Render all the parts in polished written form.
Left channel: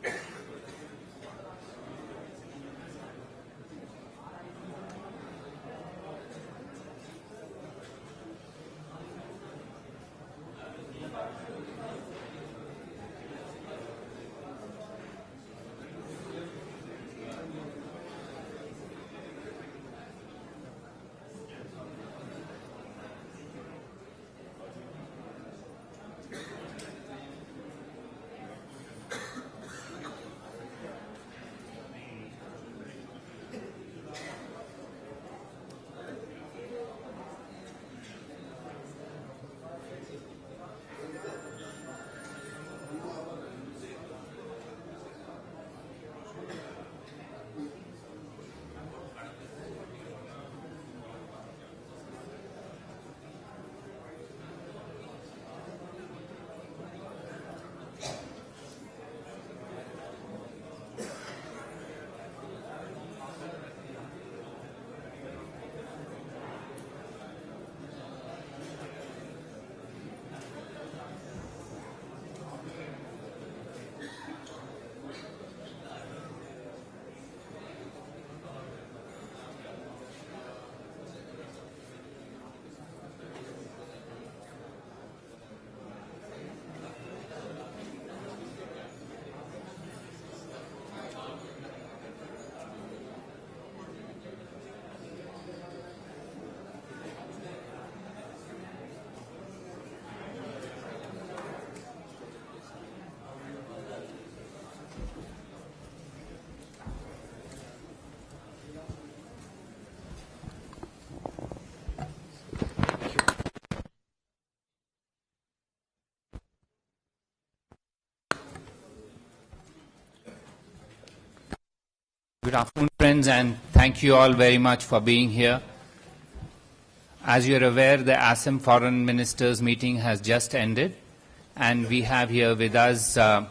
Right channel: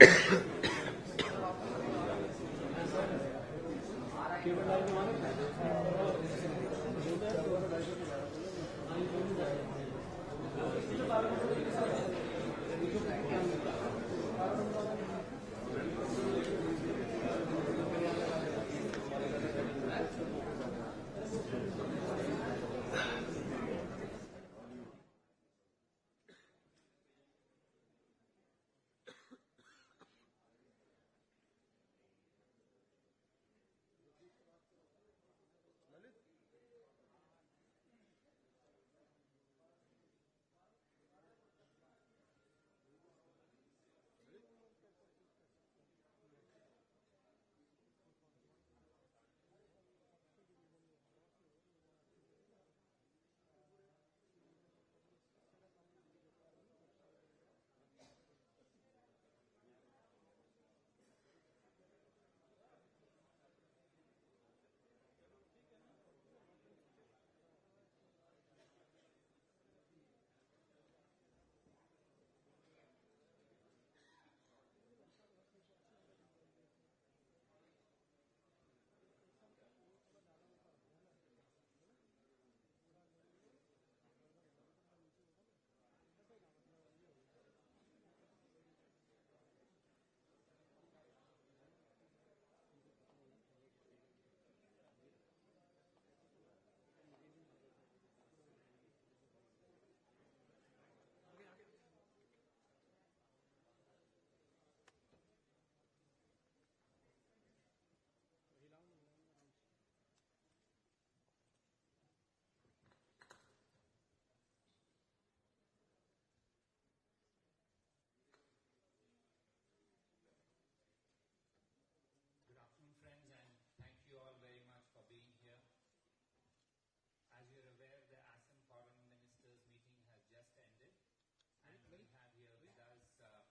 Good afternoon, friends, and thank you all very much for being here. As you're aware, the Assam Foreign Ministers meeting has just ended, and we have here with us the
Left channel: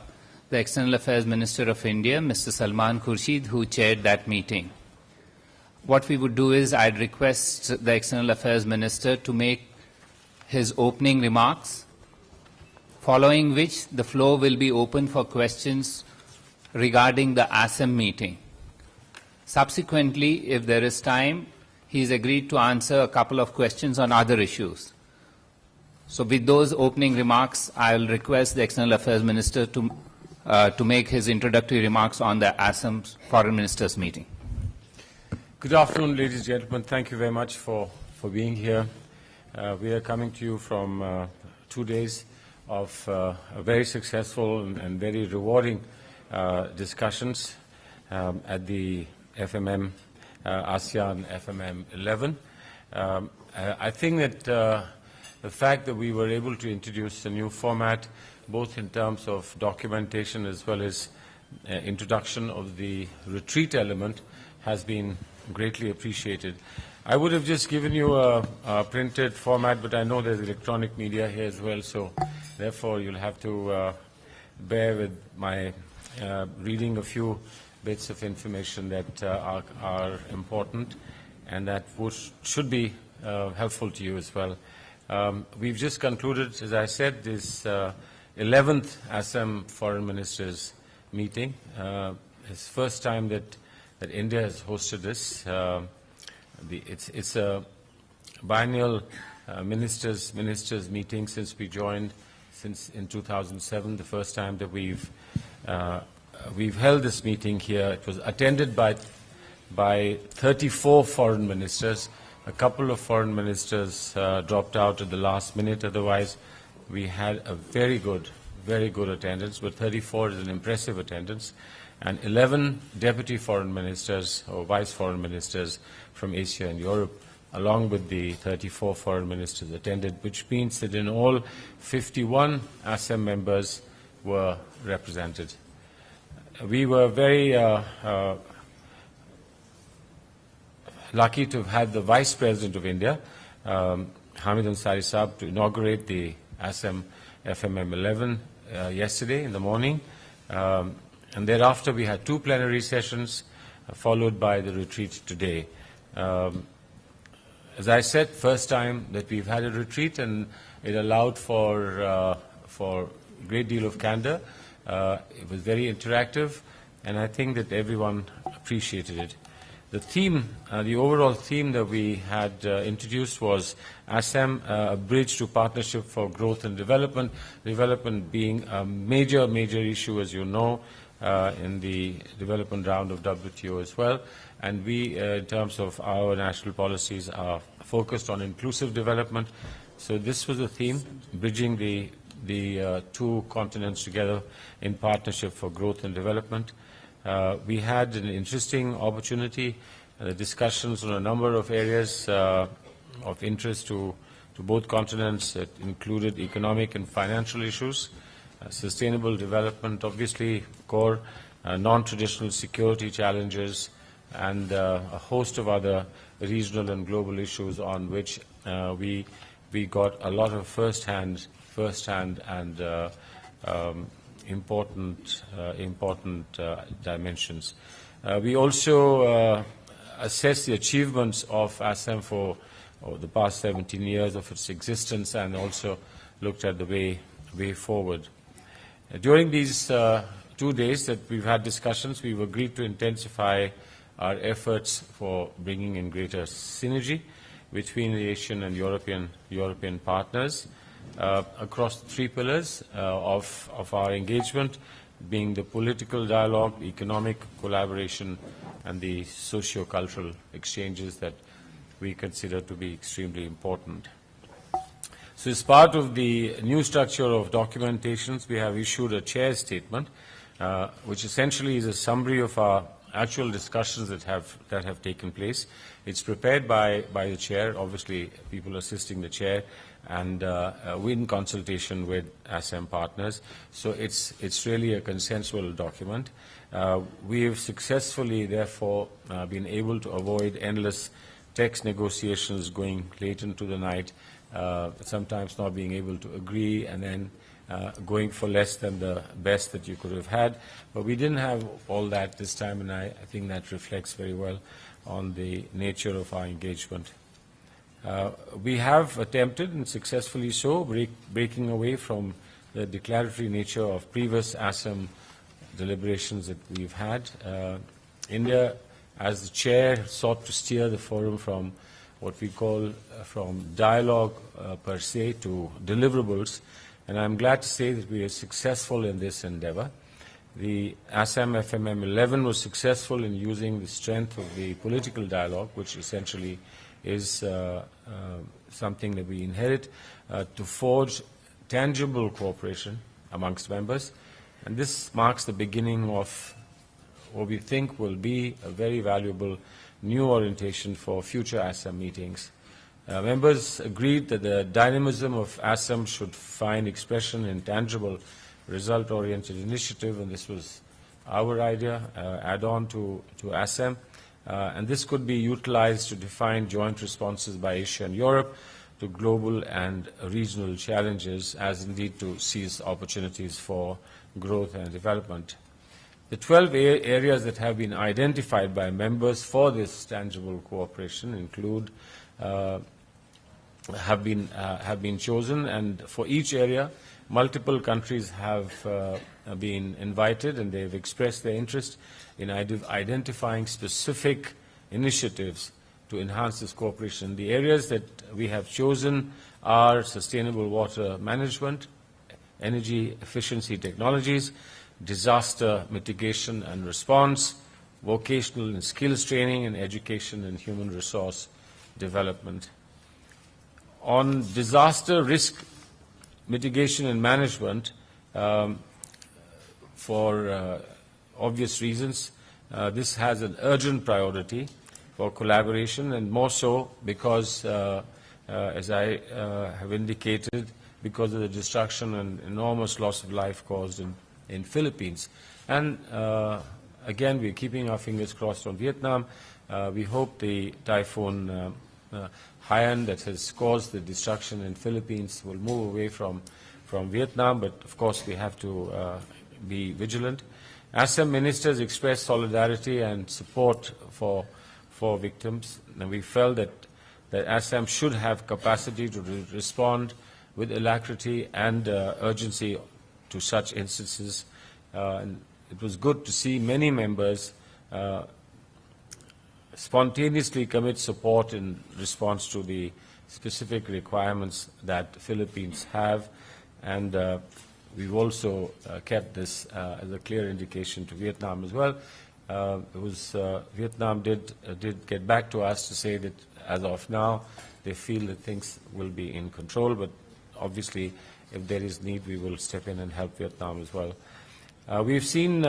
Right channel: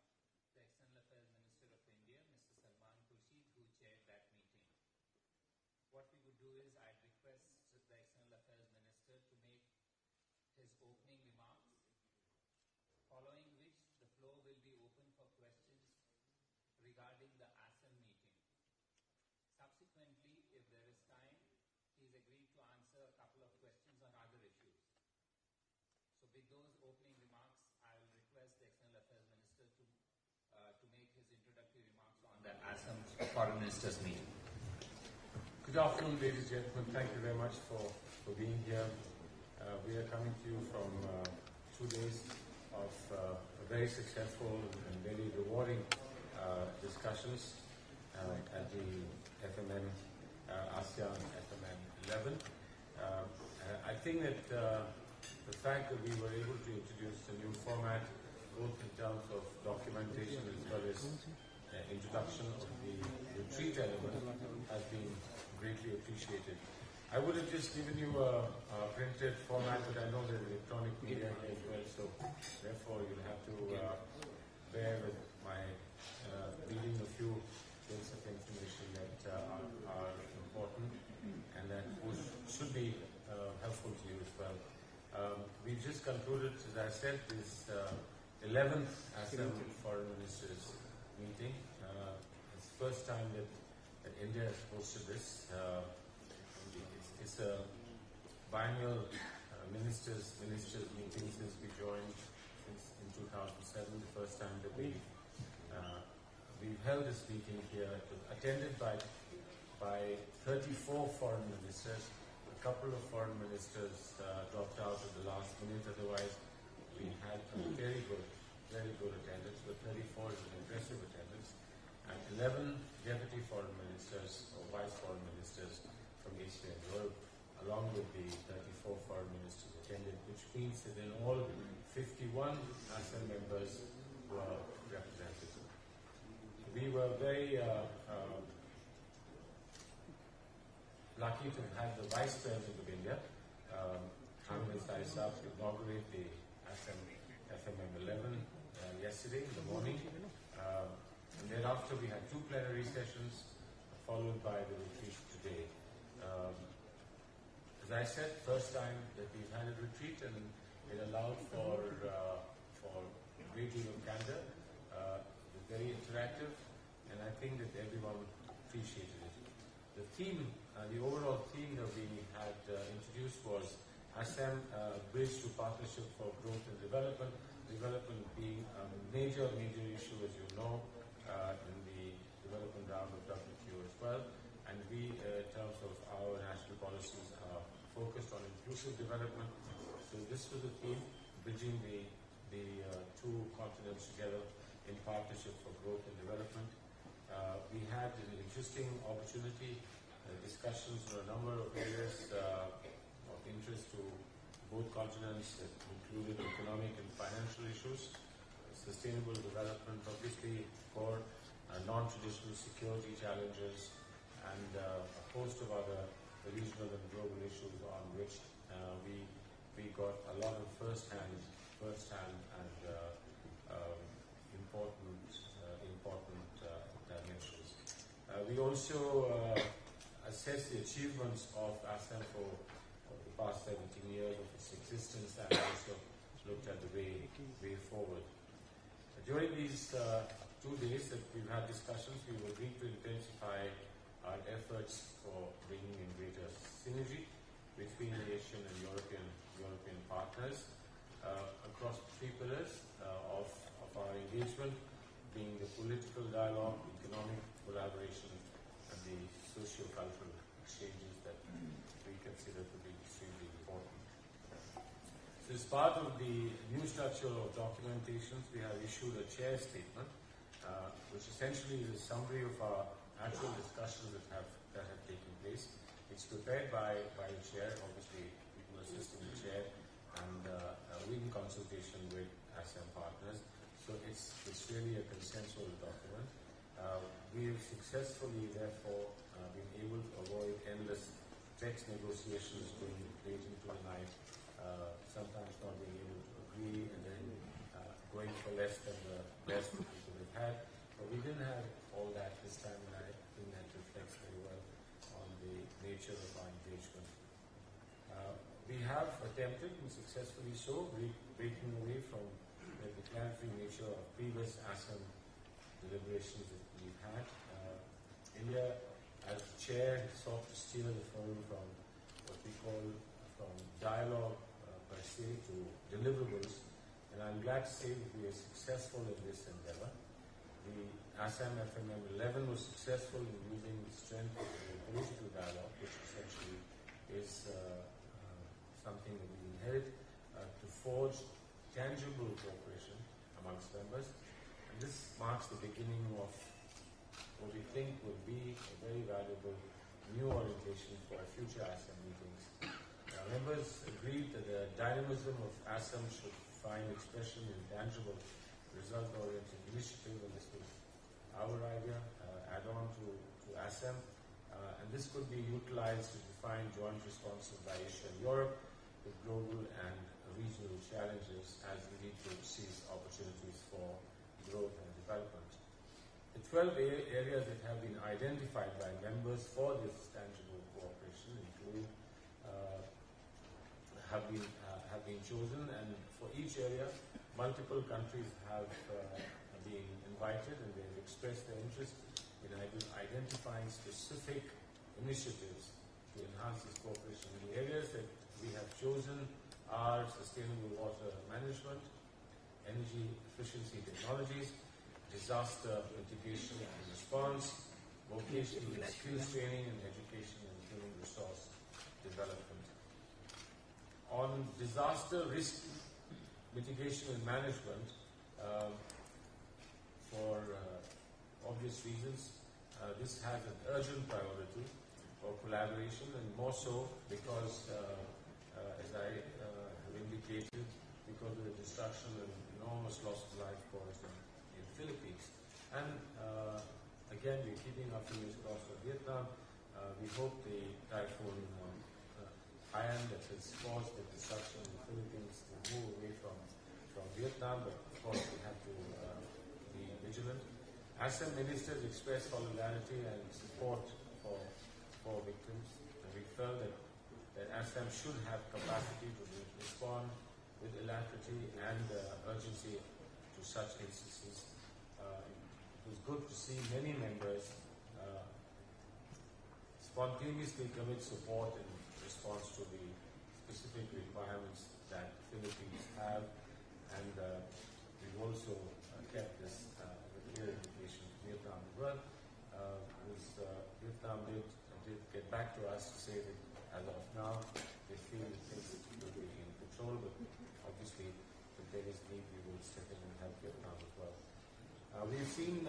External Affairs Minister of India, Mr. Salman Khurshid, who chaired that meeting. What we would do is I'd request the External Affairs Minister to make his opening remarks, following which the floor will be open for questions regarding the ASEM meeting. Subsequently, if there is time, he's agreed to answer a couple of questions on other issues. So with those opening remarks, I'll request the External Affairs Minister to make his introductory remarks on the Assam Foreign Ministers meeting. Good afternoon, ladies and gentlemen. Thank you very much for being here. We are coming to you from 2 days of a very successful and very rewarding discussions at the FMM, ASEAN FMM 11. I think that the fact that we were able to introduce a new format, both in terms of documentation as well as introduction of the retreat element, has been greatly appreciated. I would have just given you a printed format, but I know there's electronic media here as well, so therefore you'll have to bear with my reading a few bits of information that are important and that should be helpful to you as well. We've just concluded, as I said, this 11th Assam Foreign Ministers meeting. It's the first time that India has hosted this. It's a biennial ministers meeting since we joined, since in 2007, the first time that we've held this meeting here. It was attended by 34 foreign ministers. A couple of foreign ministers dropped out at the last minute. Otherwise, we had a very good attendance, but 34 is an impressive attendance. And 11 deputy foreign ministers or vice foreign ministers from Asia and Europe, along with the 34 foreign ministers attended, which means that in all 51 ASEM members were represented. We were very lucky to have had the Vice President of India, Hamid Ansari Saab, to inaugurate the ASEM FMM 11 yesterday in the morning. And thereafter we had 2 plenary sessions, followed by the retreat today. As I said, first time that we've had a retreat, and it allowed for a great deal of candor. It was very interactive, and I think that everyone appreciated it. The theme, the overall theme that we had introduced was ASEM, a bridge to partnership for growth and development, development being a major issue, as you know, in the development round of WTO as well. And we, in terms of our national policies, are focused on inclusive development. So this was the theme, bridging the two continents together in partnership for growth and development. We had an interesting opportunity, discussions on a number of areas of interest to both continents. It included economic and financial issues, sustainable development, obviously core, non-traditional security challenges, and a host of other regional and global issues on which we got a lot of first-hand and important dimensions. We also assessed the achievements of ASEM for the past 17 years of its existence, and also looked at the way forward. During these 2 days that we've had discussions, we've agreed to intensify our efforts for bringing in greater synergy between the Asian and European partners across the 3 pillars of our engagement, being the political dialogue, economic collaboration, and the socio-cultural exchanges that we consider to be extremely important. So as part of the new structure of documentations, we have issued a chair statement, which essentially is a summary of our actual discussions that have taken place. It's prepared by the chair, obviously people assisting the chair, and in consultation with ASEM partners. So it's really a consensual document. We have successfully, therefore, been able to avoid endless text negotiations going late into the night, sometimes not being able to agree, and then going for less than the best that you could have had. But we didn't have all that this time, and I think that reflects very well on the nature of our engagement. We have attempted, and successfully so, breaking away from the declaratory nature of previous ASEM deliberations that we've had. India, as the chair, sought to steer the forum from what we call from dialogue per se to deliverables, and I'm glad to say that we are successful in this endeavor. The Assam FMM 11 was successful in using the strength of the political dialogue, which essentially is something that we inherit, to forge tangible cooperation amongst members. And this marks the beginning of what we think will be a very valuable new orientation for future ASEM meetings. Members agreed that the dynamism of ASEM should find expression in tangible, result-oriented initiative, and this was our idea, add-on to ASEM. And this could be utilized to define joint responses by Asia and Europe to global and regional challenges, as indeed to seize opportunities for growth and development. The 12 areas that have been identified by members for this tangible cooperation include, have been chosen, and for each area, multiple countries have been invited, and they've expressed their interest in identifying specific initiatives to enhance this cooperation. The areas that we have chosen are sustainable water management, energy efficiency technologies, disaster mitigation and response, vocational and skills training, and education and human resource development. On disaster risk mitigation and management, for obvious reasons, this has an urgent priority for collaboration, and more so because, as I have indicated, because of the destruction and enormous loss of life caused in Philippines. And again, we're keeping our fingers crossed on Vietnam. We hope the typhoon Haiyan that has caused the destruction in Philippines will move away from Vietnam, but of course we have to be vigilant. ASEM ministers expressed solidarity and support for victims, and we felt that ASEM should have capacity to respond with alacrity and urgency to such instances And it was good to see many members spontaneously commit support in response to the specific requirements that the Philippines have, and we've also kept this as a clear indication to Vietnam as well. Vietnam did get back to us to say that as of now they feel that things will be in control, but obviously if there is need we will step in and help Vietnam as well. We've seen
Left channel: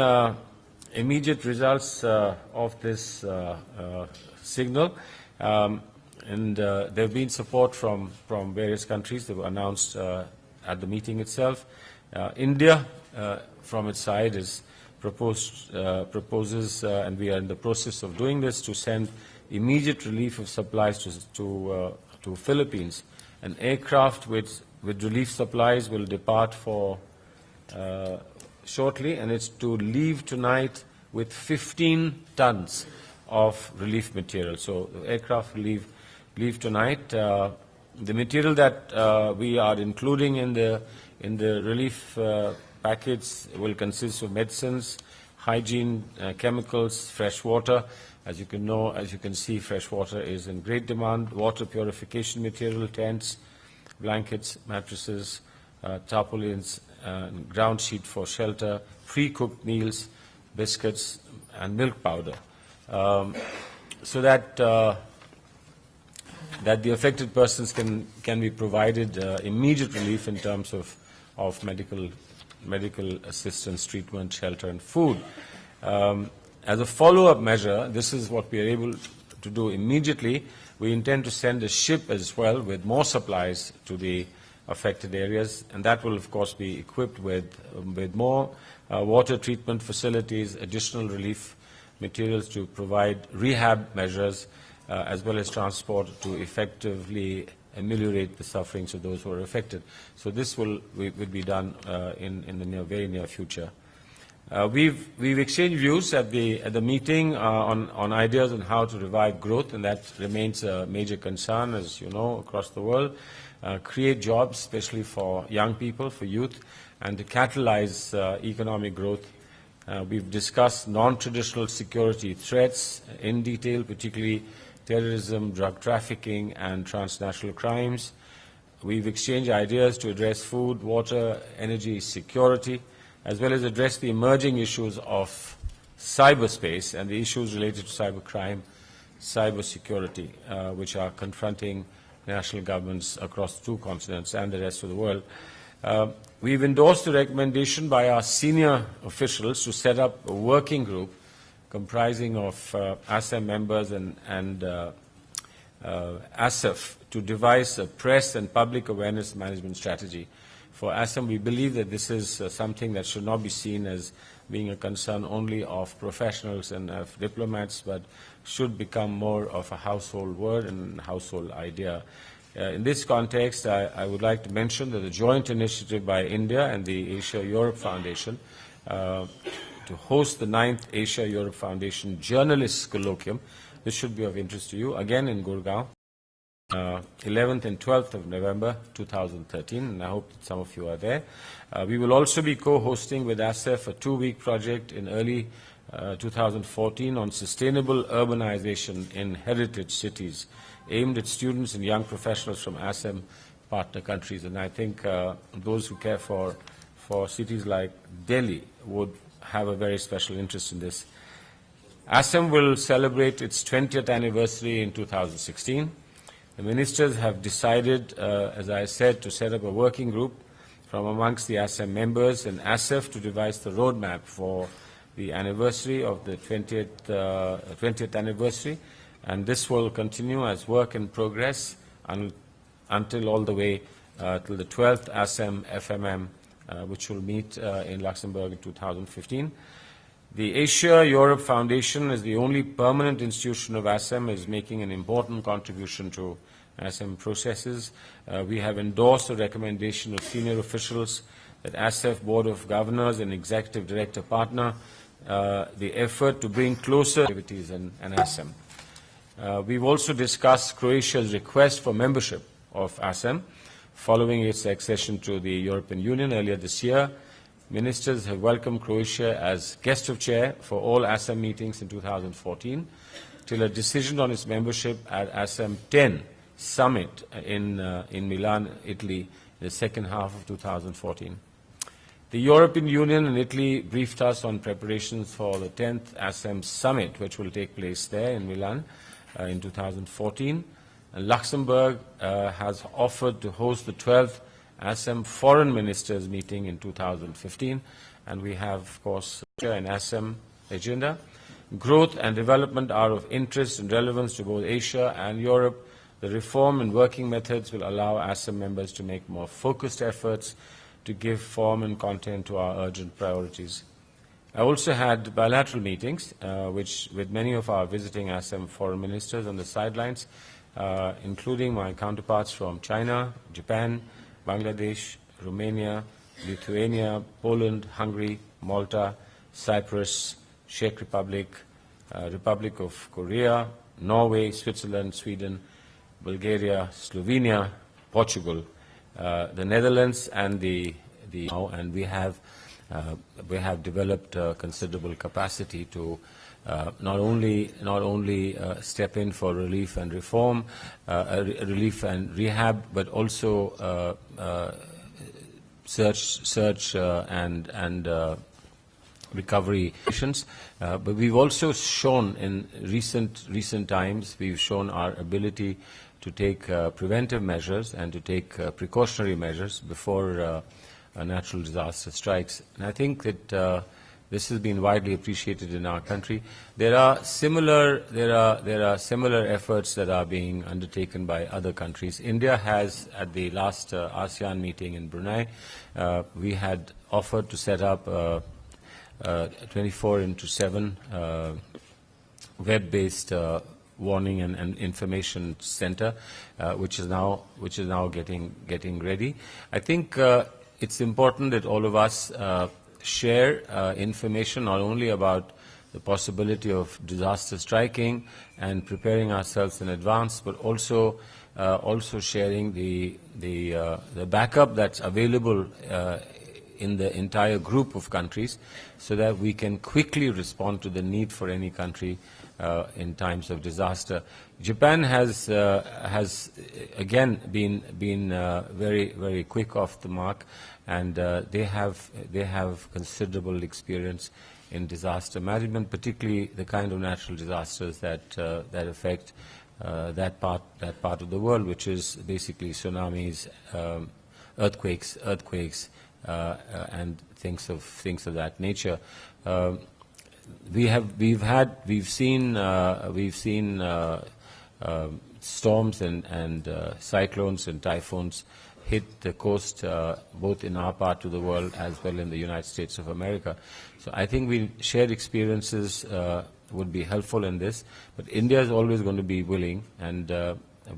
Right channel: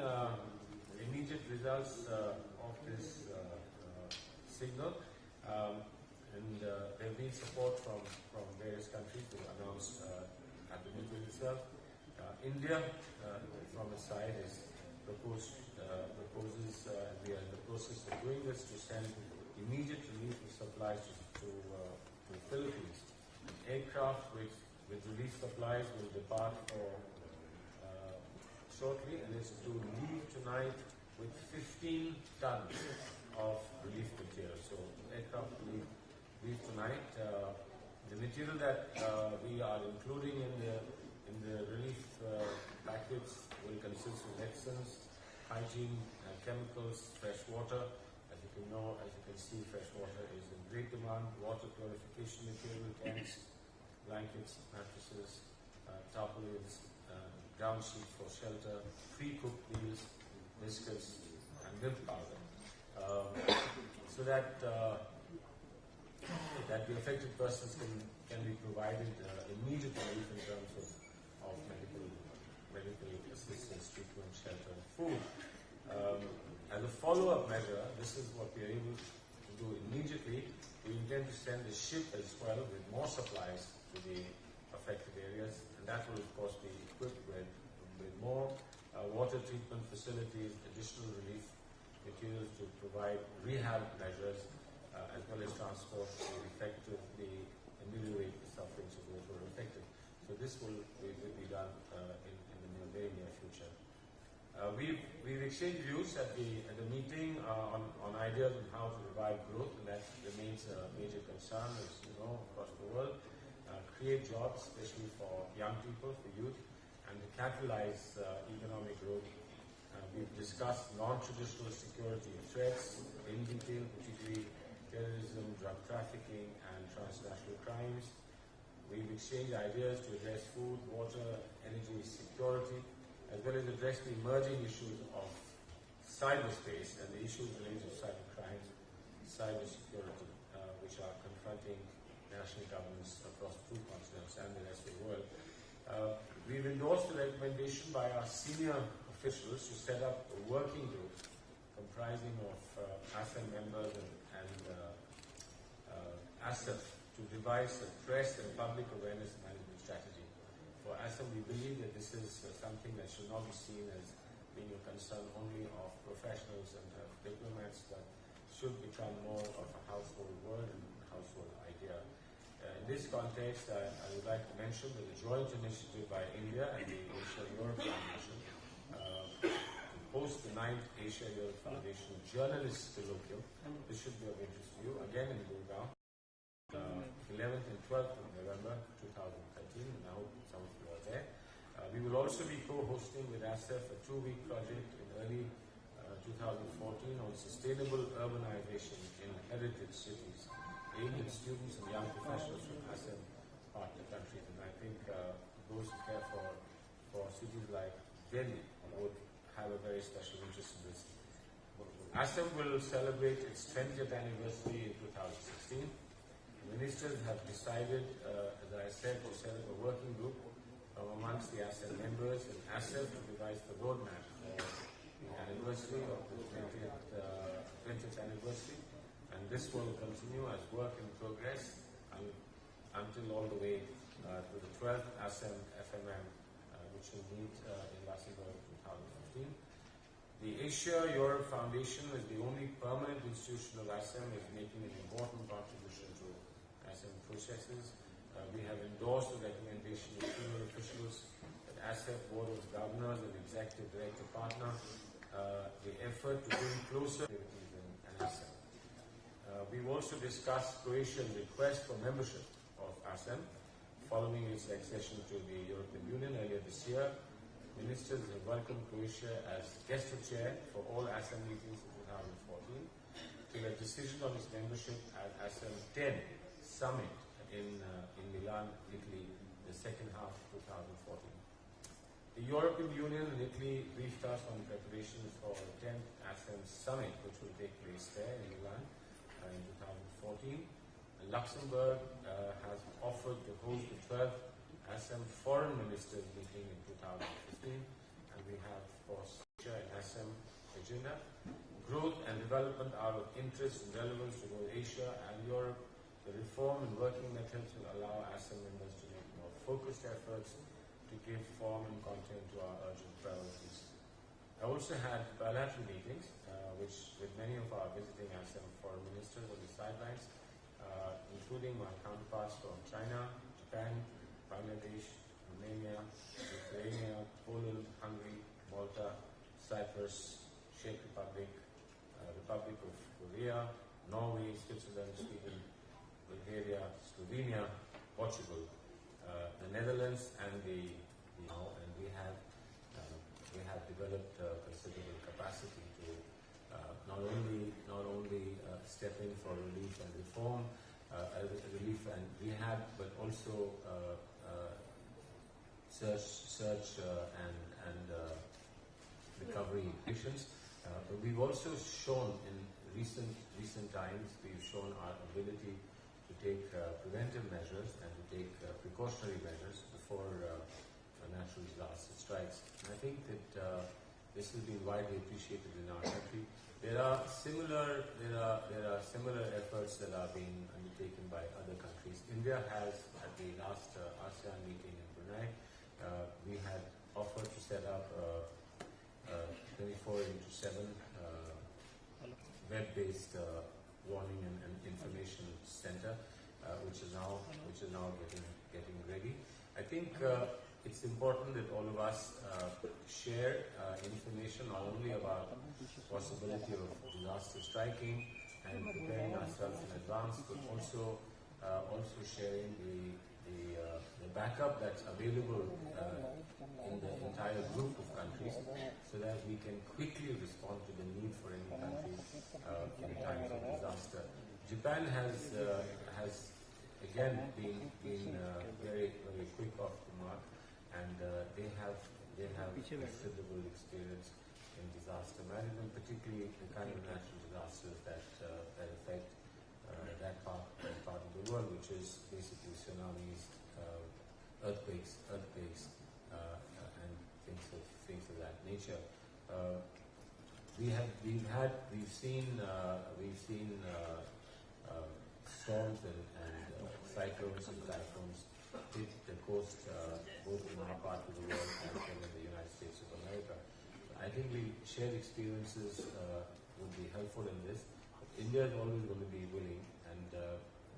immediate results of this signal, and there have been support from various countries that were announced at the meeting itself. India, from its side, proposes, and we are in the process of doing this, to send immediate relief of supplies to Philippines. An aircraft with relief supplies will depart for shortly, and it's to leave tonight with 15 tons of relief material. So the aircraft will leave tonight. The material that we are including in the relief package will consist of medicines, hygiene, chemicals, fresh water. As you can see, fresh water is in great demand. Water purification material, tents, blankets, mattresses, tarpaulins, ground sheet for shelter, pre-cooked meals, biscuits, and milk powder, so that the affected persons can be provided immediate relief in terms of medical assistance, treatment, shelter, and food. As a follow-up measure, this is what we are able to do immediately. We intend to send a ship as well with more supplies to the affected areas, and that will of course be equipped with more water treatment facilities, additional relief materials to provide rehab measures, as well as transport to effectively ameliorate the sufferings of those who are affected. So this will be done in the very near future. We've exchanged views at the meeting on ideas on how to revive growth, and that remains a major concern, as you know, across the world. Create jobs, especially for young people, for youth, and to catalyze economic growth. We've discussed non-traditional security threats in detail, particularly terrorism, drug trafficking, and transnational crimes. We've exchanged ideas to address food, water, energy security, as well as address the emerging issues of cyberspace and the issues related to cybercrime, cybersecurity, which are confronting national governments across 2 continents and the rest of the world. We've endorsed a recommendation by our senior officials to set up a working group comprising of ASEM members and ASEF to devise a press and public awareness management strategy. For ASEM, we believe that this is something that should not be seen as being a concern only of professionals and of diplomats, but should become more of a household word and household idea. In this context, I would like to mention that the joint initiative by India and the Asia-Europe Foundation to host the 9th Asia-Europe Foundation Journalists Colloquium. This should be of interest to you, again in Gurgaon, 11th and 12th of November 2013, and I hope that some of you are there. We will also be co-hosting with ASEF a 2-week project in early 2014 on sustainable urbanization in heritage cities, aimed at students and young professionals from ASEM partner countries. And I think those who care for cities like Delhi would have a very special interest in this. ASEM will celebrate its 20th anniversary in 2016. The ministers have decided, as I said, to set up a working group from amongst the ASEM members and ASEF to devise the roadmap for the anniversary of the 20th anniversary. And this will continue as work in progress until all the way till the 12th ASEM FMM, which will meet in Luxembourg in 2015. The Asia-Europe Foundation, as the only permanent institution of ASEM, is making an important contribution to ASEM processes. We have endorsed a recommendation of senior officials that ASEF Board of Governors and Executive Director partner the effort to bring closer activities in ASEM. We've also discussed Croatia's request for membership of ASEM following its accession to the European Union earlier this year. ministers have welcomed Croatia as guest of chair for all ASEM meetings in 2014, till a decision on its membership at ASEM 10 summit in Milan, Italy, in the second half of 2014. The European Union and Italy briefed us on preparations for the 10th ASEM summit, which will take place there in Milan in 2014. And Luxembourg has offered to host the 12th ASEM Foreign Ministers meeting in 2015, and we have, of course, an ASEM agenda. Growth and development are of interest and relevance to both Asia and Europe. The reform and working methods will allow ASEM members to make more focused efforts to give form and content to our urgent priorities. I also had bilateral meetings with many of our visiting ASEM foreign ministers on the sidelines, including my counterparts from China, Japan, Bangladesh, Romania, Lithuania, Poland, Hungary, Malta, Cyprus, Czech Republic, Republic of Korea, Norway, Switzerland, Sweden, Bulgaria, Slovenia, Portugal, the Netherlands, and and we have developed considerable capacity to not only step in for relief and reform, relief and rehab, but also search and recovery missions. But we've also shown in recent times, we've shown our ability to take preventive measures and to take precautionary measures before a natural disaster strikes. And I think that this has been widely appreciated in our country. There are similar efforts that are being undertaken by other countries. India has, at the last ASEAN meeting in Brunei, we had offered to set up a 24/7 web-based warning and information center, which is now getting ready. I think it's important that all of us share information not only about the possibility of disaster striking and preparing ourselves in advance, but also sharing the backup that's available in the entire group of countries, so that we can quickly respond to the need for any country in times of disaster. Japan has again been very quick off the mark, and they have considerable experience in disaster management, particularly the kind of natural disasters that affect that part of the world, which is basically tsunamis, earthquakes, and things of that nature. We've seen storms and cyclones and typhoons hit the coast, both in our part of the world as well in the United States of America. So I think shared experiences would be helpful in this. But India is always going to be willing, and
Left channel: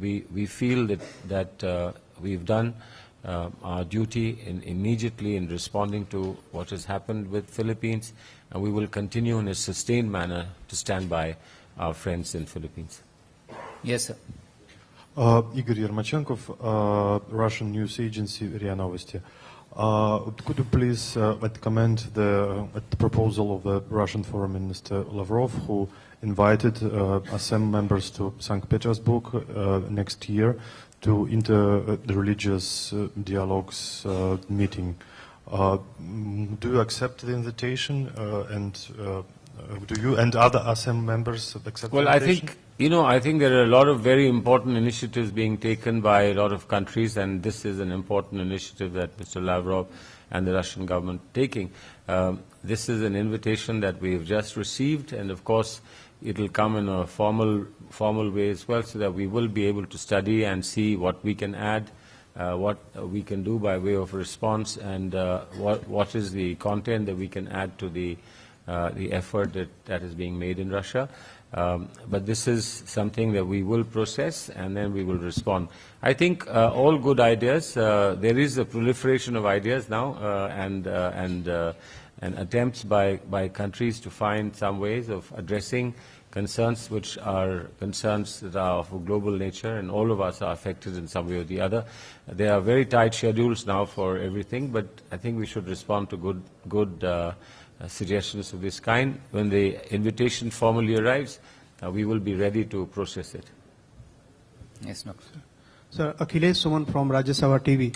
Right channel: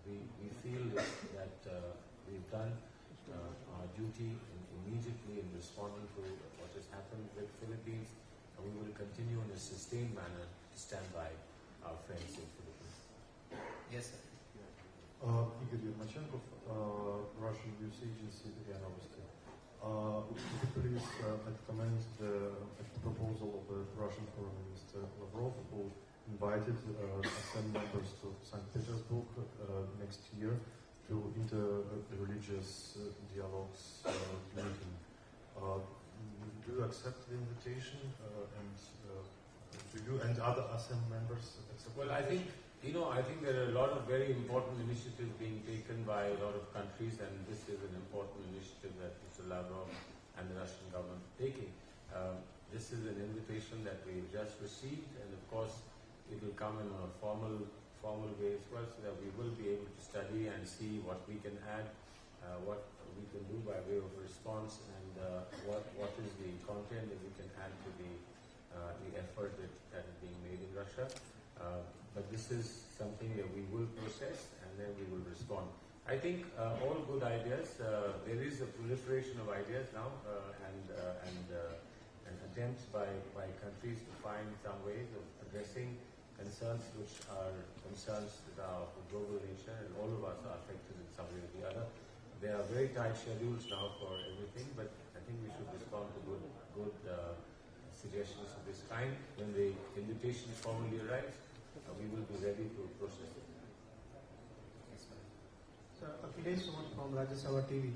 we feel that we've done our duty immediately in responding to what has happened with Philippines, and we will continue in a sustained manner to stand by our friends in Philippines. Yes, sir. Igor Yermachenkov, Russian news agency RIA Novosti. Could you please comment the proposal of the Russian Foreign Minister Lavrov, who invited ASEM members to St. Petersburg next year to the religious dialogues meeting? Do you accept the invitation, and do you and other ASEM members accept the invitation? I think there are a lot of very important initiatives being taken by a lot of countries, and this is an important initiative that Mr. Lavrov and the Russian government are taking. This is an invitation that we have just received, and of course it will come in a formal way as well, so that we will be able to study and see what we can add, what we can do by way of response, and what is the content that we can add to the effort that is being made in Russia. But this is something that we will process, and then we will respond. I think all good ideas. There is a proliferation of ideas now, and attempts by countries to find some ways of addressing concerns which are concerns that are of a global nature, and all of us are affected in some way or the other. There are very tight schedules now for everything, but I think we should respond to good suggestions of this kind. When the invitation formally arrives, we will be ready to process it. Yes, no. Sir, Akhilesh Suman from Rajya Sabha TV.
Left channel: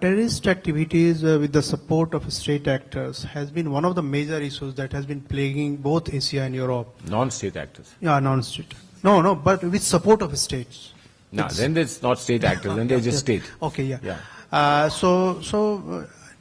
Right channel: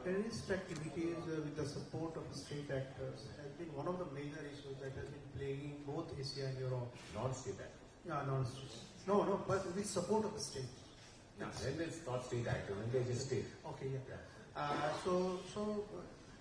Terrorist activities with the support of state actors has been one of the major issues that has been plaguing both Asia and Europe. Non-state actors. Yeah, non-state. No, but with support of states. No, then it's not state actors, then they're just state. Okay, yeah. Yeah.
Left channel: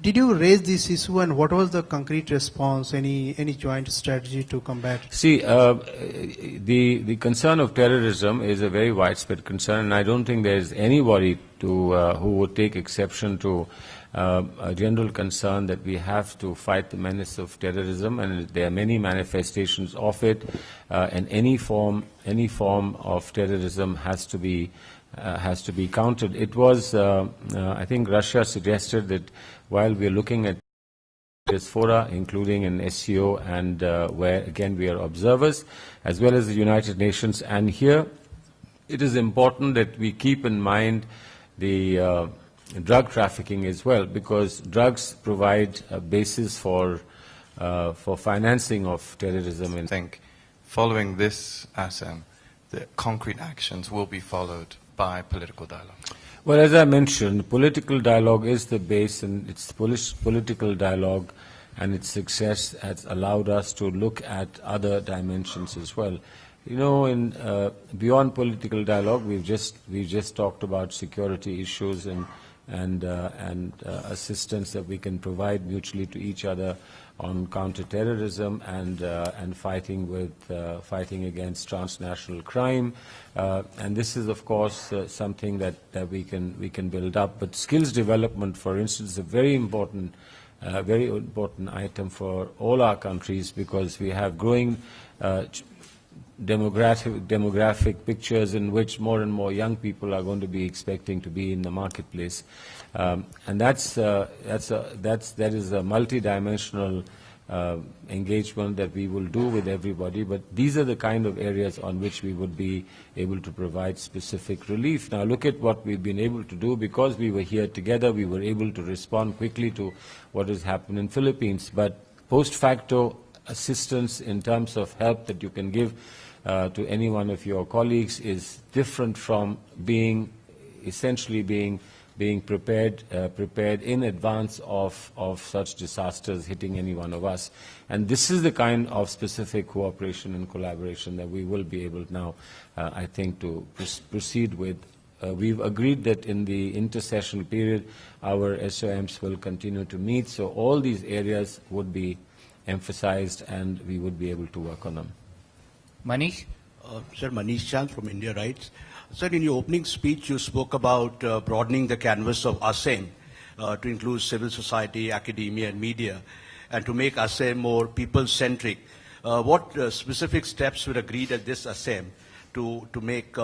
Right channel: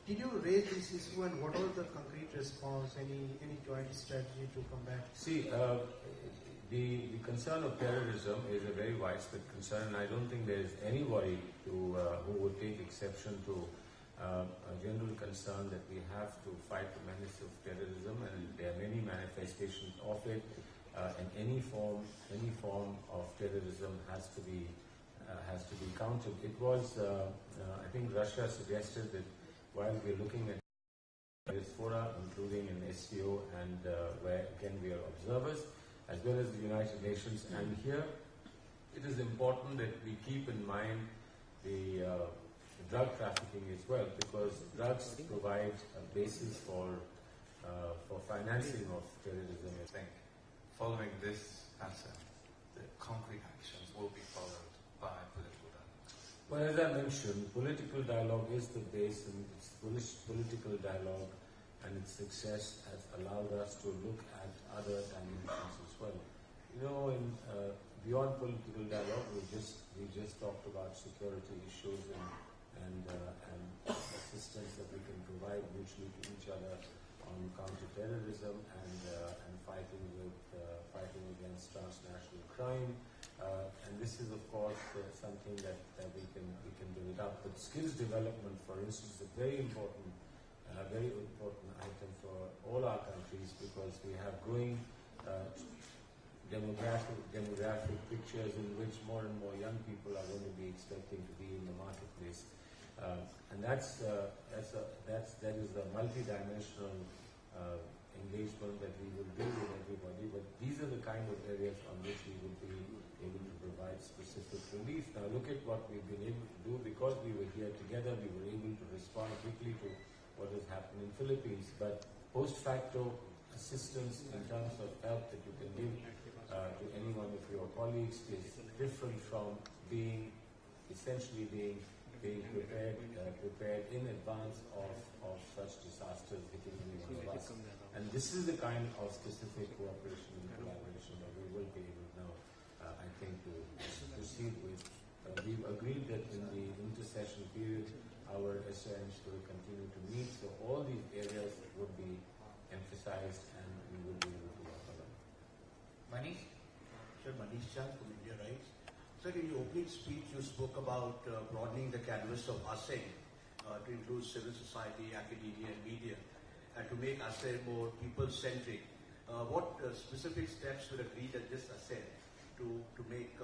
Did you raise this issue, and what was the concrete response? Any joint strategy to combat? See, the concern of terrorism is a very widespread concern, and I don't think there is anybody who would take exception to a general concern that we have to fight the menace of terrorism, and there are many manifestations of it, and any form of terrorism has to be countered. It was, I think, Russia suggested that while we are looking at this fora, including in SCO, and where again we are observers, as well as the United Nations, and here it is important that we keep in mind the drug trafficking as well, because drugs provide a basis for financing of terrorism. I think following this ASEM, the concrete actions will be followed by political dialogue. Well, as I mentioned, political dialogue is the base, and it's political dialogue and its success has allowed us to look at other dimensions as well. You know, beyond political dialogue, we've just talked about security issues and assistance that we can provide mutually to each other on counterterrorism and fighting against transnational crime. And this is, of course, something that we can build up. But skills development, for instance, is a very important item for all our countries, because we have growing demographic pictures in which more and more young people are going to be expecting to be in the marketplace, and that is a multidimensional engagement that we will do with everybody. But these are the kind of areas on which we would be able to provide specific relief. Now look at what we've been able to do. Because we were here together, we were able to respond quickly to what has happened in Philippines. But post facto assistance in terms of help that you can give to any one of your colleagues is different from essentially being prepared in advance of such disasters hitting any one of us. And this is the kind of specific cooperation and collaboration that we will be able now, I think, to proceed with. We've agreed that in the intersessional period, our SOMs will continue to meet, so all these areas would be emphasized and we would be able to work on them. Manish? Sir, Manish Chand from India Rights. Sir, in your opening speech, you spoke about broadening the canvas of ASEM to include civil society, academia, and media, and to make ASEM more people-centric. What specific steps were agreed at this ASEM to make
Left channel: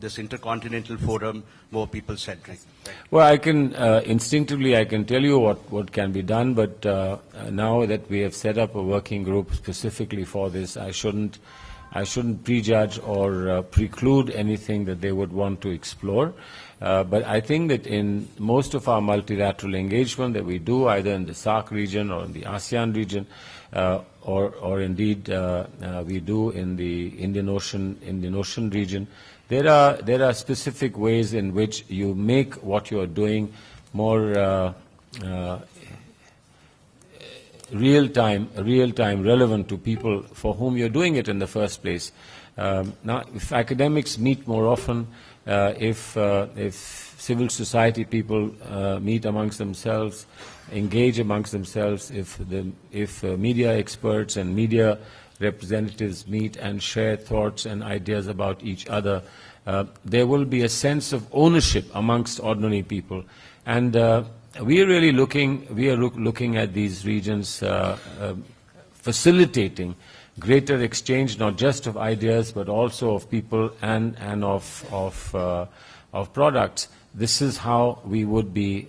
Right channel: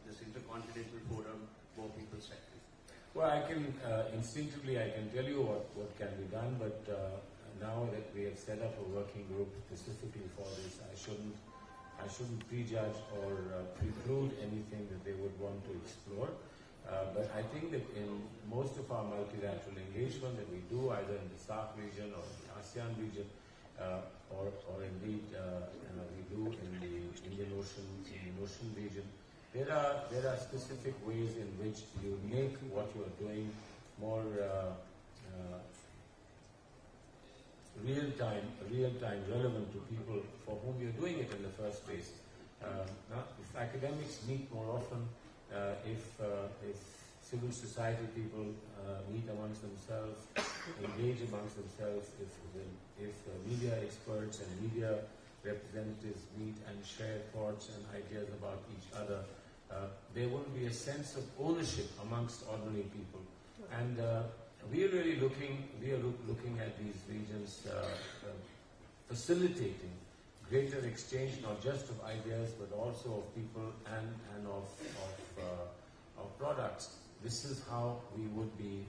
this intercontinental forum more people-centric? Well, I can instinctively I can tell you what can be done, but now that we have set up a working group specifically for this, I shouldn't prejudge or preclude anything that they would want to explore. But I think that in most of our multilateral engagement that we do, either in the SAARC region or in the ASEAN region, or indeed we do in the Indian Ocean region, there are specific ways in which you make what you are doing more real-time relevant to people for whom you're doing it in the first place. Now, if academics meet more often, if civil society people meet amongst themselves, engage amongst themselves, if media experts and media representatives meet and share thoughts and ideas about each other, there will be a sense of ownership amongst ordinary people. And we are really looking at these regions facilitating greater exchange, not just of ideas, but also of people and of products. this is how we would be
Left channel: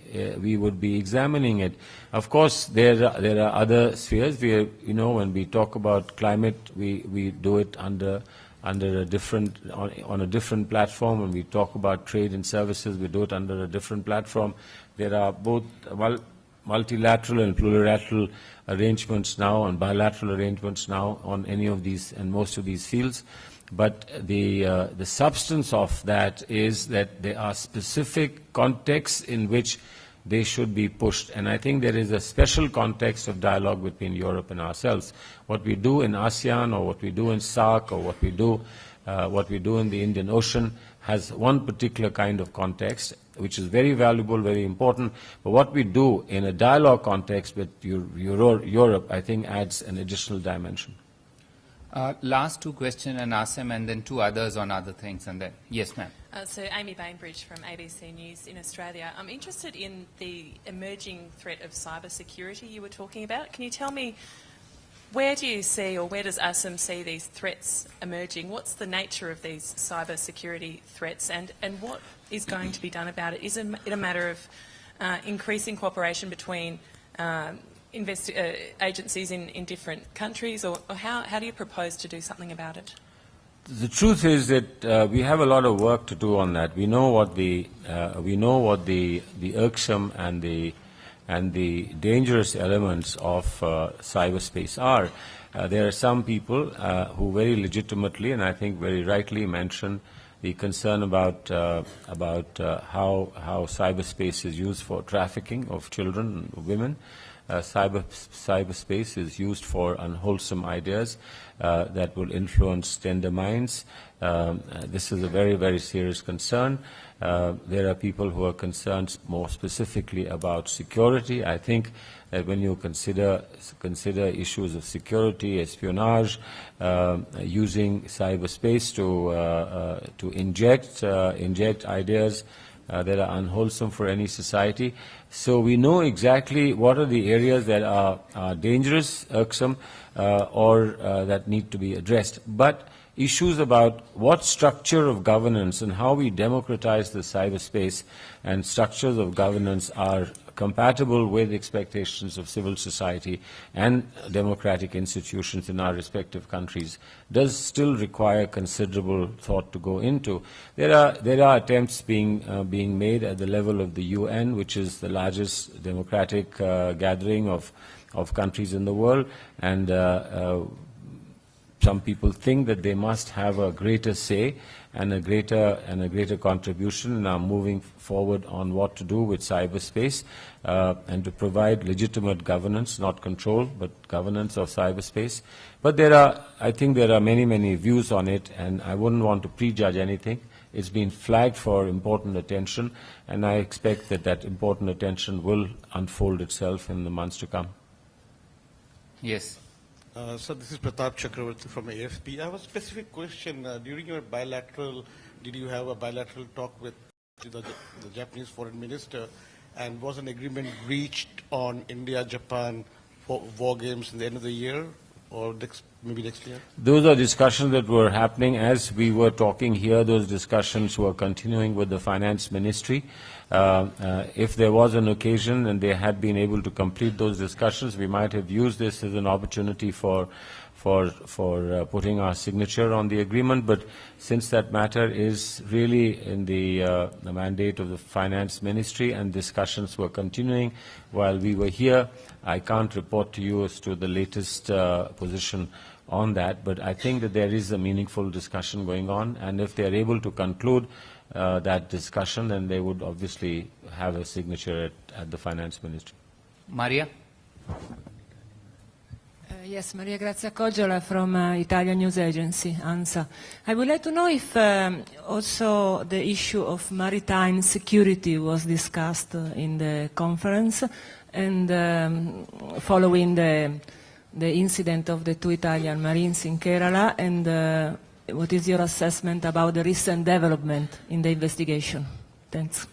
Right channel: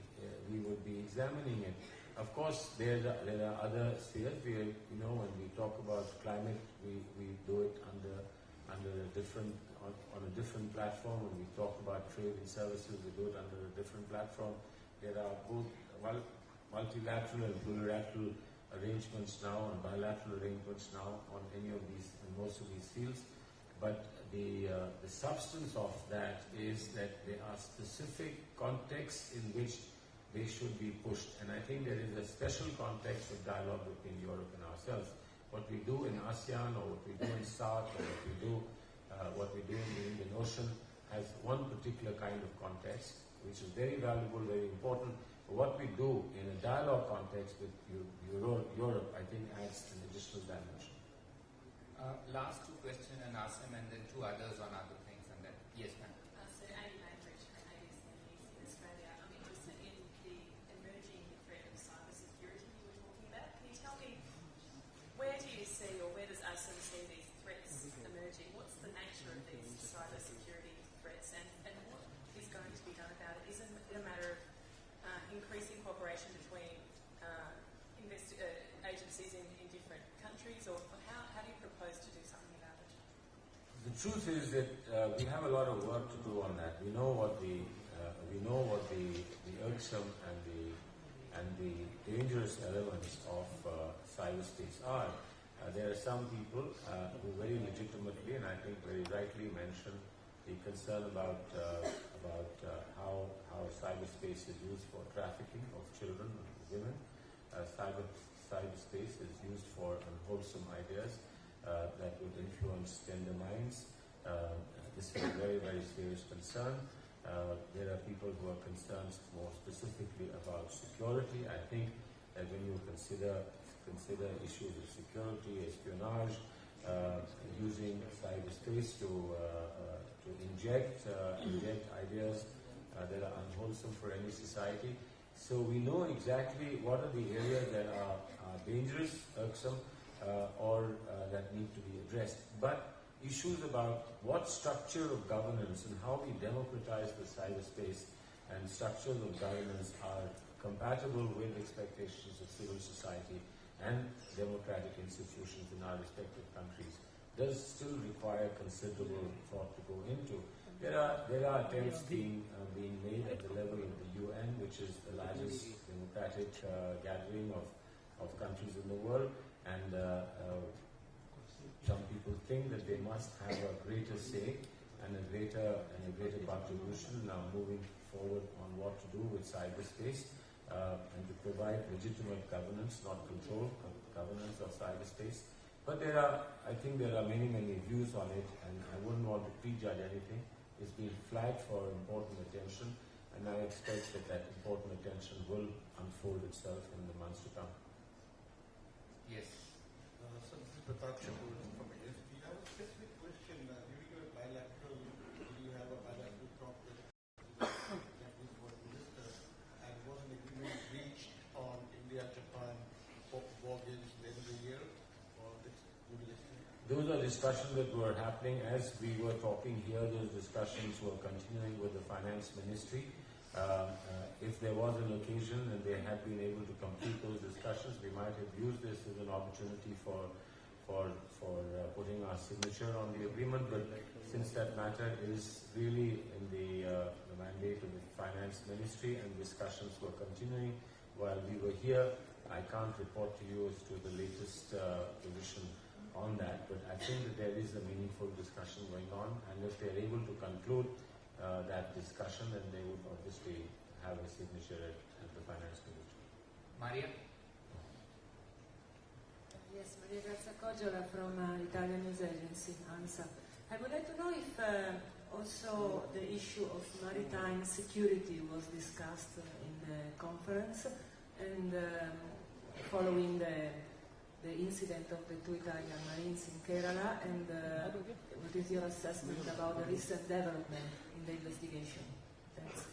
examining it. Of course, there are other spheres. When we talk about climate, we do it under a different on a different platform. When we talk about trade and services, we do it under a different platform. There are both multilateral and plurilateral arrangements now and bilateral arrangements now on any of these and most of these fields. But the substance of that is that there are specific contexts in which they should be pushed. And I think there is a special context of dialogue between Europe and ourselves. What we do in ASEAN or what we do in SAARC or what we do in the Indian Ocean has one particular kind of context, which is very valuable, very important. But what we do in a dialogue context with Europe, I think, adds an additional dimension. Last two questions and ASEM, and then two others on other things. And then, yes, ma'am. So Amy Bainbridge from ABC News in Australia. I'm interested in the emerging threat of cyber security you were talking about. Can you tell me, where do you see, or where does ASEM see these threats emerging? What's the nature of these cyber security threats, and what is going to be done about it? Is it a matter of increasing cooperation between agencies in different countries, or how do you propose to do something about it? The truth is that we have a lot of work to do on that. We know what the irksome and the dangerous elements of cyberspace are. There are some people who very legitimately and I think very rightly mention the concern about how cyberspace is used for trafficking of children and women. Cyberspace is used for unwholesome ideas that will influence tender minds. This is a very, very serious concern. There are people who are concerned more specifically about security. I think that when you consider issues of security, espionage, using cyberspace to inject ideas that are unwholesome for any society. So we know exactly what are the areas that are dangerous, irksome, or that need to be addressed. But issues about what structure of governance and how we democratize the cyberspace and structures of governance are compatible with expectations of civil society and democratic institutions in our respective countries does still require considerable thought to go into. There are attempts being made at the level of the UN, which is the largest democratic gathering of countries in the world, and some people think that they must have a greater say and a greater contribution in moving forward on what to do with cyberspace and to provide legitimate governance, not control, but governance of cyberspace. But I think there are many, many views on it, and I wouldn't want to prejudge anything. It's been flagged for important attention, and I expect that important attention will unfold itself in the months to come. Yes. So this is Pratap Chakravarti from AFP. I have a specific question. During your did you have a bilateral talk with the Japanese foreign minister, and was an agreement reached on India-Japan war games in the end of the year, or maybe next year? Those are discussions that were happening as we were talking here. Those discussions were continuing with the finance ministry. If there was an occasion and they had been able to complete those discussions, we might have used this as an opportunity for putting our signature on the agreement. But since that matter is really in the mandate of the finance ministry and discussions were continuing while we were here, I can't report to you as to the latest position on that. But I think that there is a meaningful discussion going on, and if they are able to conclude that discussion, then they would obviously have a signature at the finance ministry. Maria? Yes, Maria Grazia Coggiola from Italian news agency, ANSA. I would like to know if also the issue of maritime security was discussed in the conference, and following the incident of the 2 Italian Marines in Kerala, and what is your assessment about the recent development in the investigation? Thanks.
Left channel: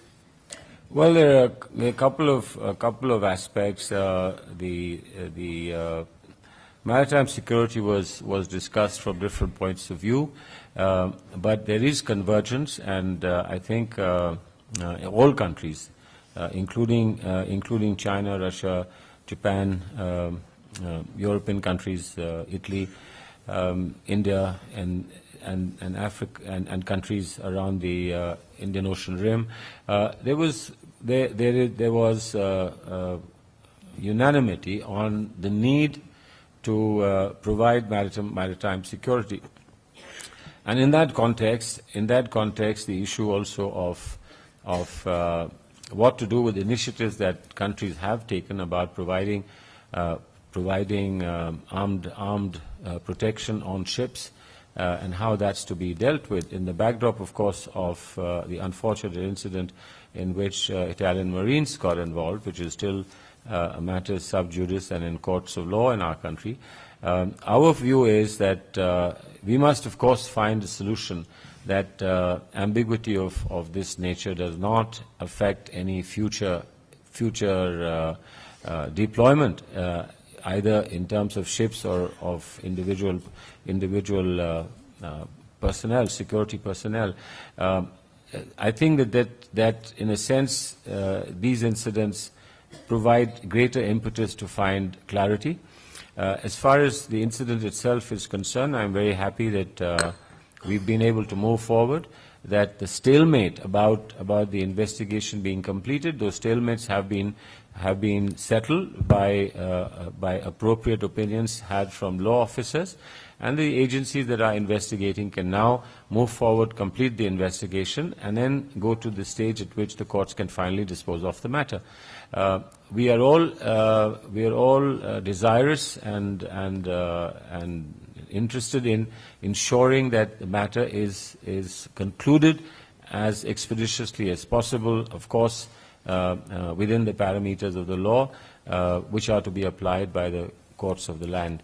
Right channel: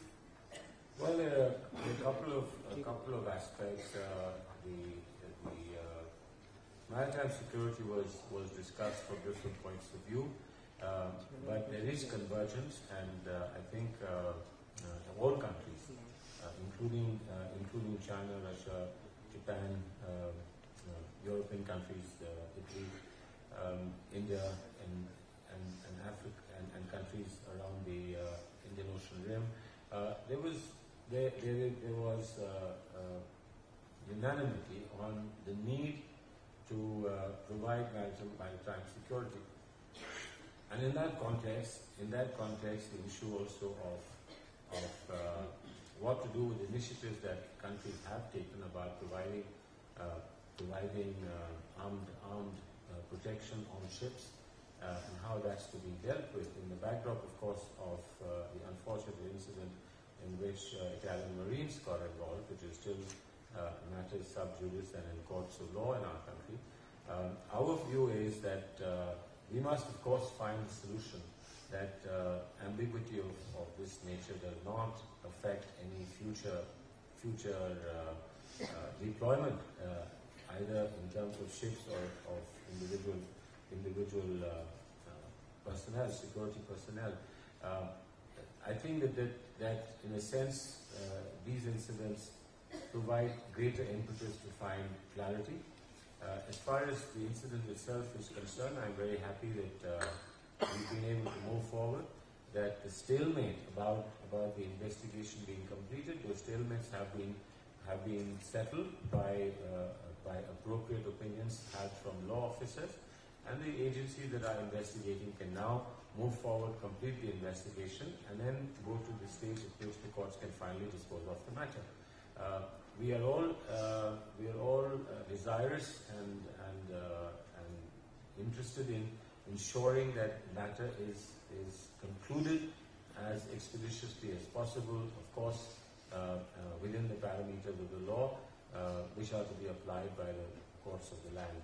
Well, there are a couple of aspects. The maritime security was discussed from different points of view, but there is convergence, and I think all countries, including China, Russia, Japan, European countries, Italy, India, and Africa, and countries around the Indian Ocean rim. There was unanimity on the need to provide maritime security, and in that context, the issue also of what to do with initiatives that countries have taken about providing armed protection on ships, and how that's to be dealt with in the backdrop, of course, of the unfortunate incident in which Italian Marines got involved, which is still a matter sub judice and in courts of law in our country. Our view is that we must, of course, find a solution that ambiguity of this nature does not affect any future deployment, either in terms of ships or of individual personnel, security personnel. I think that in a sense, these incidents provide greater impetus to find clarity. As far as the incident itself is concerned, I'm very happy that we've been able to move forward, that the stalemate about the investigation being completed, those stalemates have been settled by appropriate opinions had from law officers, and the agencies that are investigating can now move forward, complete the investigation, and then go to the stage at which the courts can finally dispose of the matter. We are all desirous and interested in ensuring that the matter is concluded as expeditiously as possible, of course, within the parameters of the law, which are to be applied by the courts of the land.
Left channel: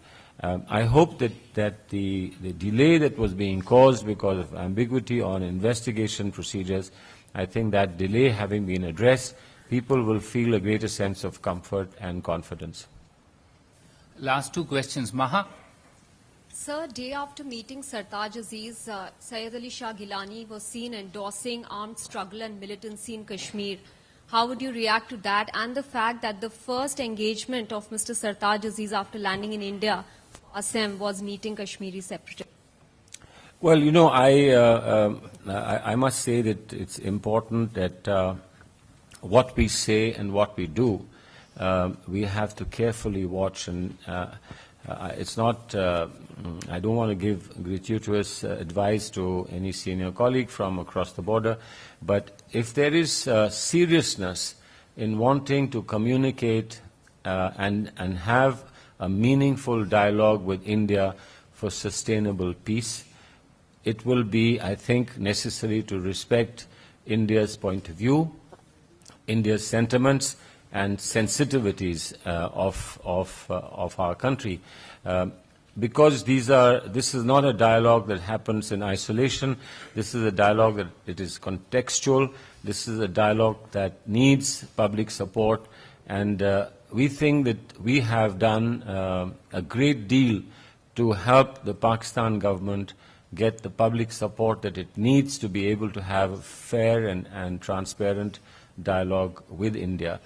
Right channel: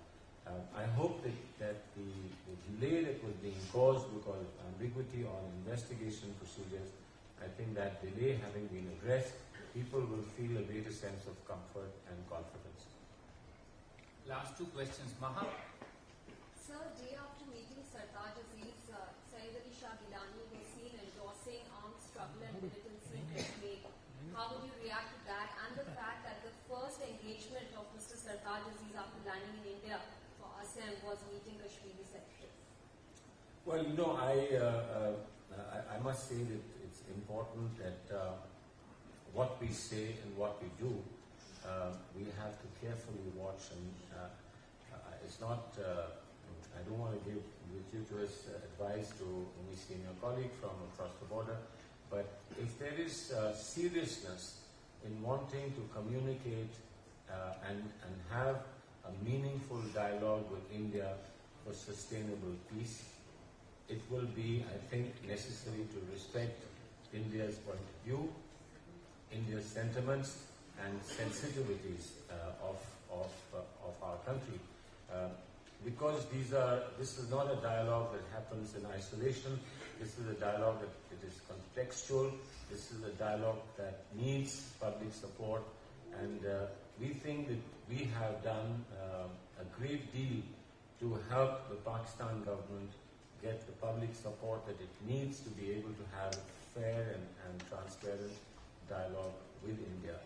I hope that the delay that was being caused because of ambiguity on investigation procedures, I think that delay having been addressed, people will feel a greater sense of comfort and confidence. Last two questions. Maha? Sir, day after meeting Sartaj Aziz, Syed Ali Shah Gilani was seen endorsing armed struggle and militancy in Kashmir. How would you react to that and the fact that the first engagement of Mr. Sartaj Aziz after landing in India, ASEM, was meeting Kashmiri separatists? Well, you know, I must say that it's important that what we say and what we do, we have to carefully watch, and it's not, I don't want to give gratuitous advice to any senior colleague from across the border, but if there is seriousness in wanting to communicate and have a meaningful dialogue with India for sustainable peace, it will be, I think, necessary to respect India's point of view, India's sentiments and sensitivities of our country. Because this is not a dialogue that happens in isolation. This is a dialogue that it is contextual. This is a dialogue that needs public support, and we think that we have done a great deal to help the Pakistan government get the public support that it needs to be able to have a fair and transparent dialogue with India.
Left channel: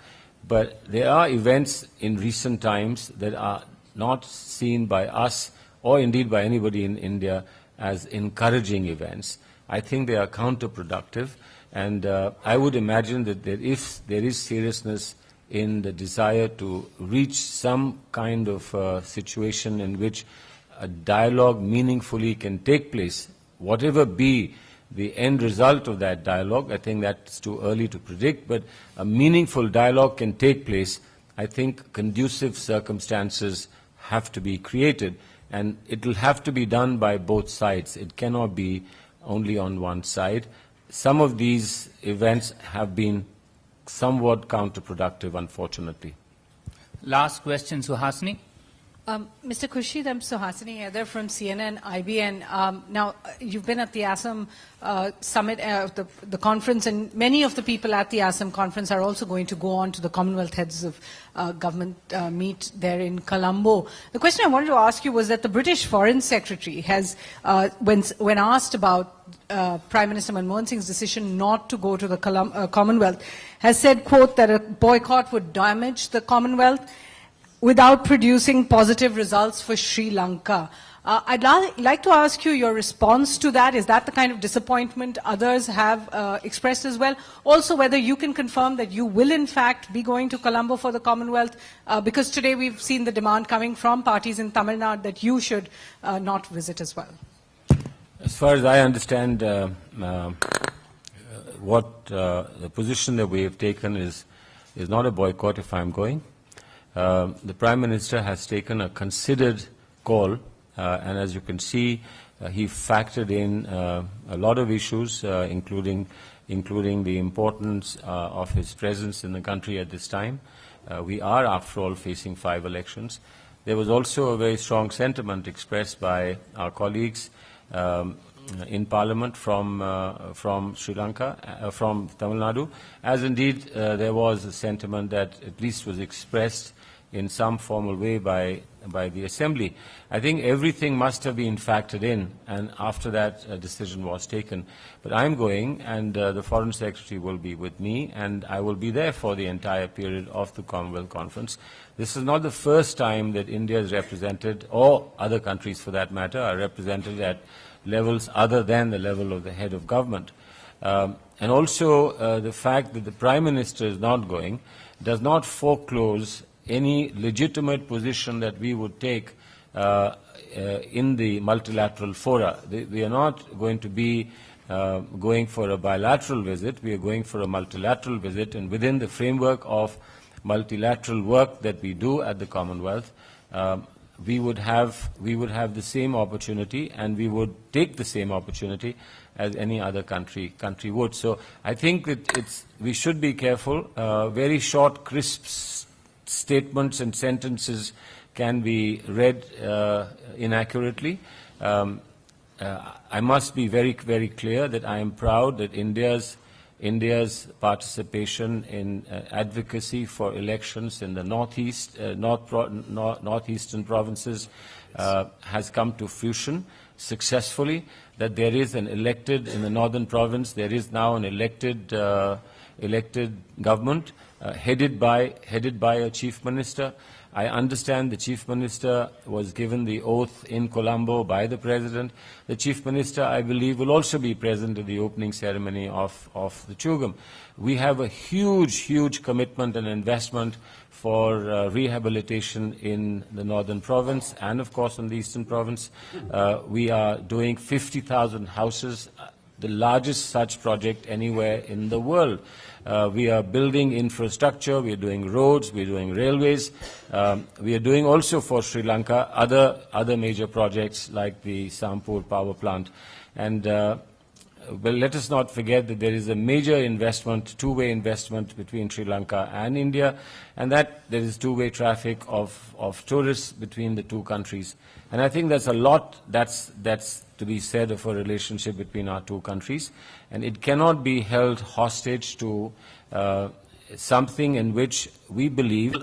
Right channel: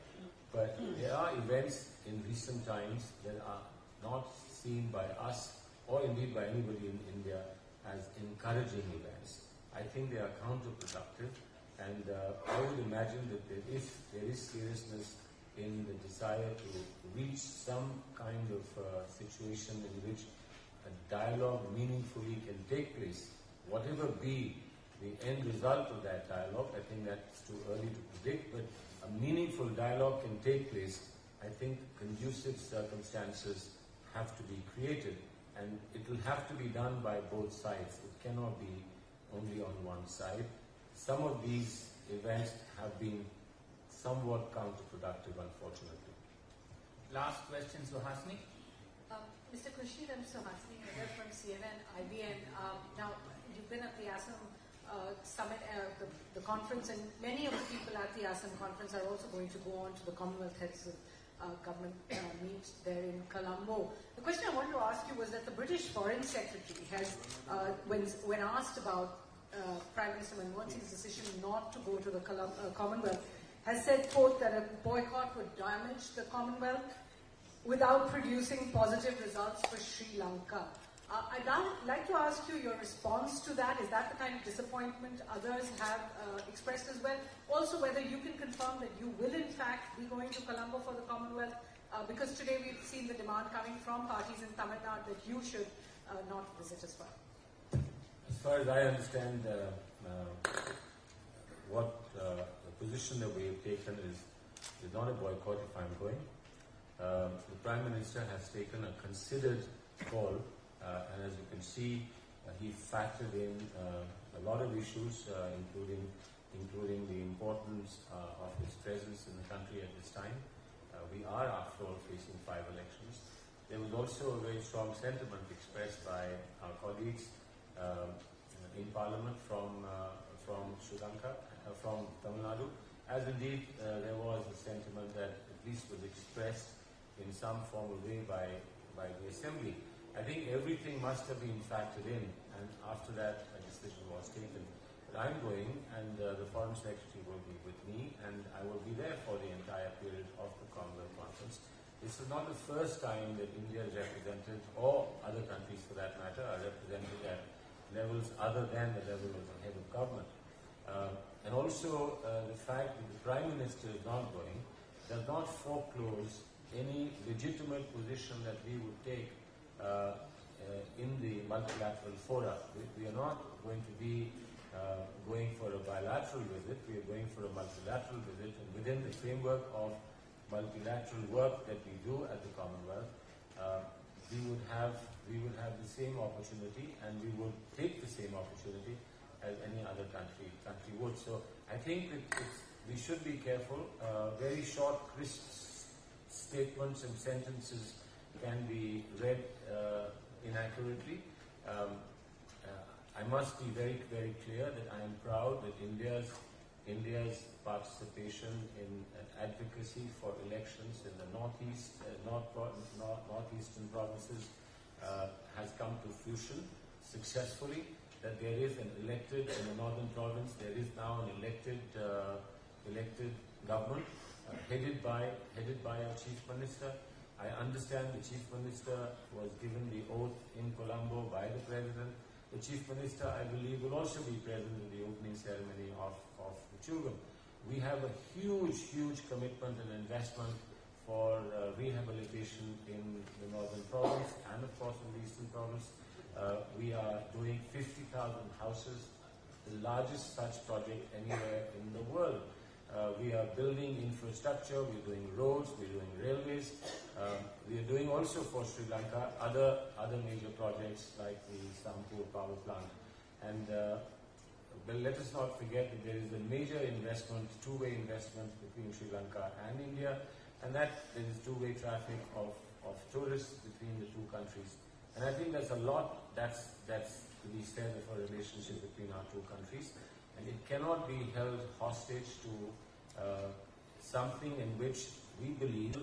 But there are events in recent times that are not seen by us or indeed by anybody in India as encouraging events. I think they are counterproductive, and I would imagine that if there is seriousness in the desire to reach some kind of situation in which a dialogue meaningfully can take place, whatever be the end result of that dialogue, I think that's too early to predict, but a meaningful dialogue can take place. I think conducive circumstances have to be created, and it will have to be done by both sides. It cannot be only on one side. Some of these events have been somewhat counterproductive, unfortunately. Last question, Suhasini. Mr. Khurshid, I'm Suhasini Haider from CNN, IBN. Now, you've been at the ASEM summit, the conference, and many of the people at the ASEM conference are also going to go on to the Commonwealth Heads of Government meet there in Colombo. The question I wanted to ask you was that the British Foreign Secretary has, when asked about Prime Minister Manmohan Singh's decision not to go to the Commonwealth, has said, quote, that a boycott would damage the Commonwealth without producing positive results for Sri Lanka. I'd like to ask you your response to that. Is that the kind of disappointment others have expressed as well? Also, whether you can confirm that you will in fact be going to Colombo for the Commonwealth, because today we've seen the demand coming from parties in Tamil Nadu that you should not visit as well. As far as I understand, what the position that we have taken is not a boycott if I'm going. The Prime Minister has taken a considered call, and as you can see, he factored in a lot of issues, including the importance of his presence in the country at this time. We are, after all, facing 5 elections. There was also a very strong sentiment expressed by our colleagues in Parliament from Sri Lanka, from Tamil Nadu, as indeed there was a sentiment that at least was expressed in some formal way by the Assembly. I think everything must have been factored in, and after that a decision was taken. But I'm going, and the Foreign Secretary will be with me, and I will be there for the entire period of the Commonwealth Conference. This is not the first time that India is represented, or other countries for that matter, are represented at levels other than the level of the head of government. And also the fact that the Prime Minister is not going does not foreclose any legitimate position that we would take in the multilateral fora. We are not going to be going for a bilateral visit. We are going for a multilateral visit, and within the framework of multilateral work that we do at the Commonwealth, we would have the same opportunity, and we would take the same opportunity as any other country would. So I think that we should be careful. Very short, crisp statements and sentences can be read inaccurately. I must be very, very clear that I am proud that India's participation in advocacy for elections in the northeastern provinces has come to fruition successfully. That there is an elected, in the northern province, there is now an elected government headed by a chief minister. I understand the chief minister was given the oath in Colombo by the president. The chief minister, I believe, will also be present at the opening ceremony of the Chugam. We have a huge, huge commitment and investment for rehabilitation in the northern province and, of course, in the eastern province. We are doing 50,000 houses, the largest such project anywhere in the world. We are building infrastructure, we are doing roads, we are doing railways. We are doing also for Sri Lanka other major projects like the Sampur power plant. And well, let us not forget that there is a major investment, two-way investment between Sri Lanka and India, and that there is two-way traffic of tourists between the two countries. And I think that's a lot that's to be said of a relationship between our two countries. And it cannot be held hostage to something in which we believe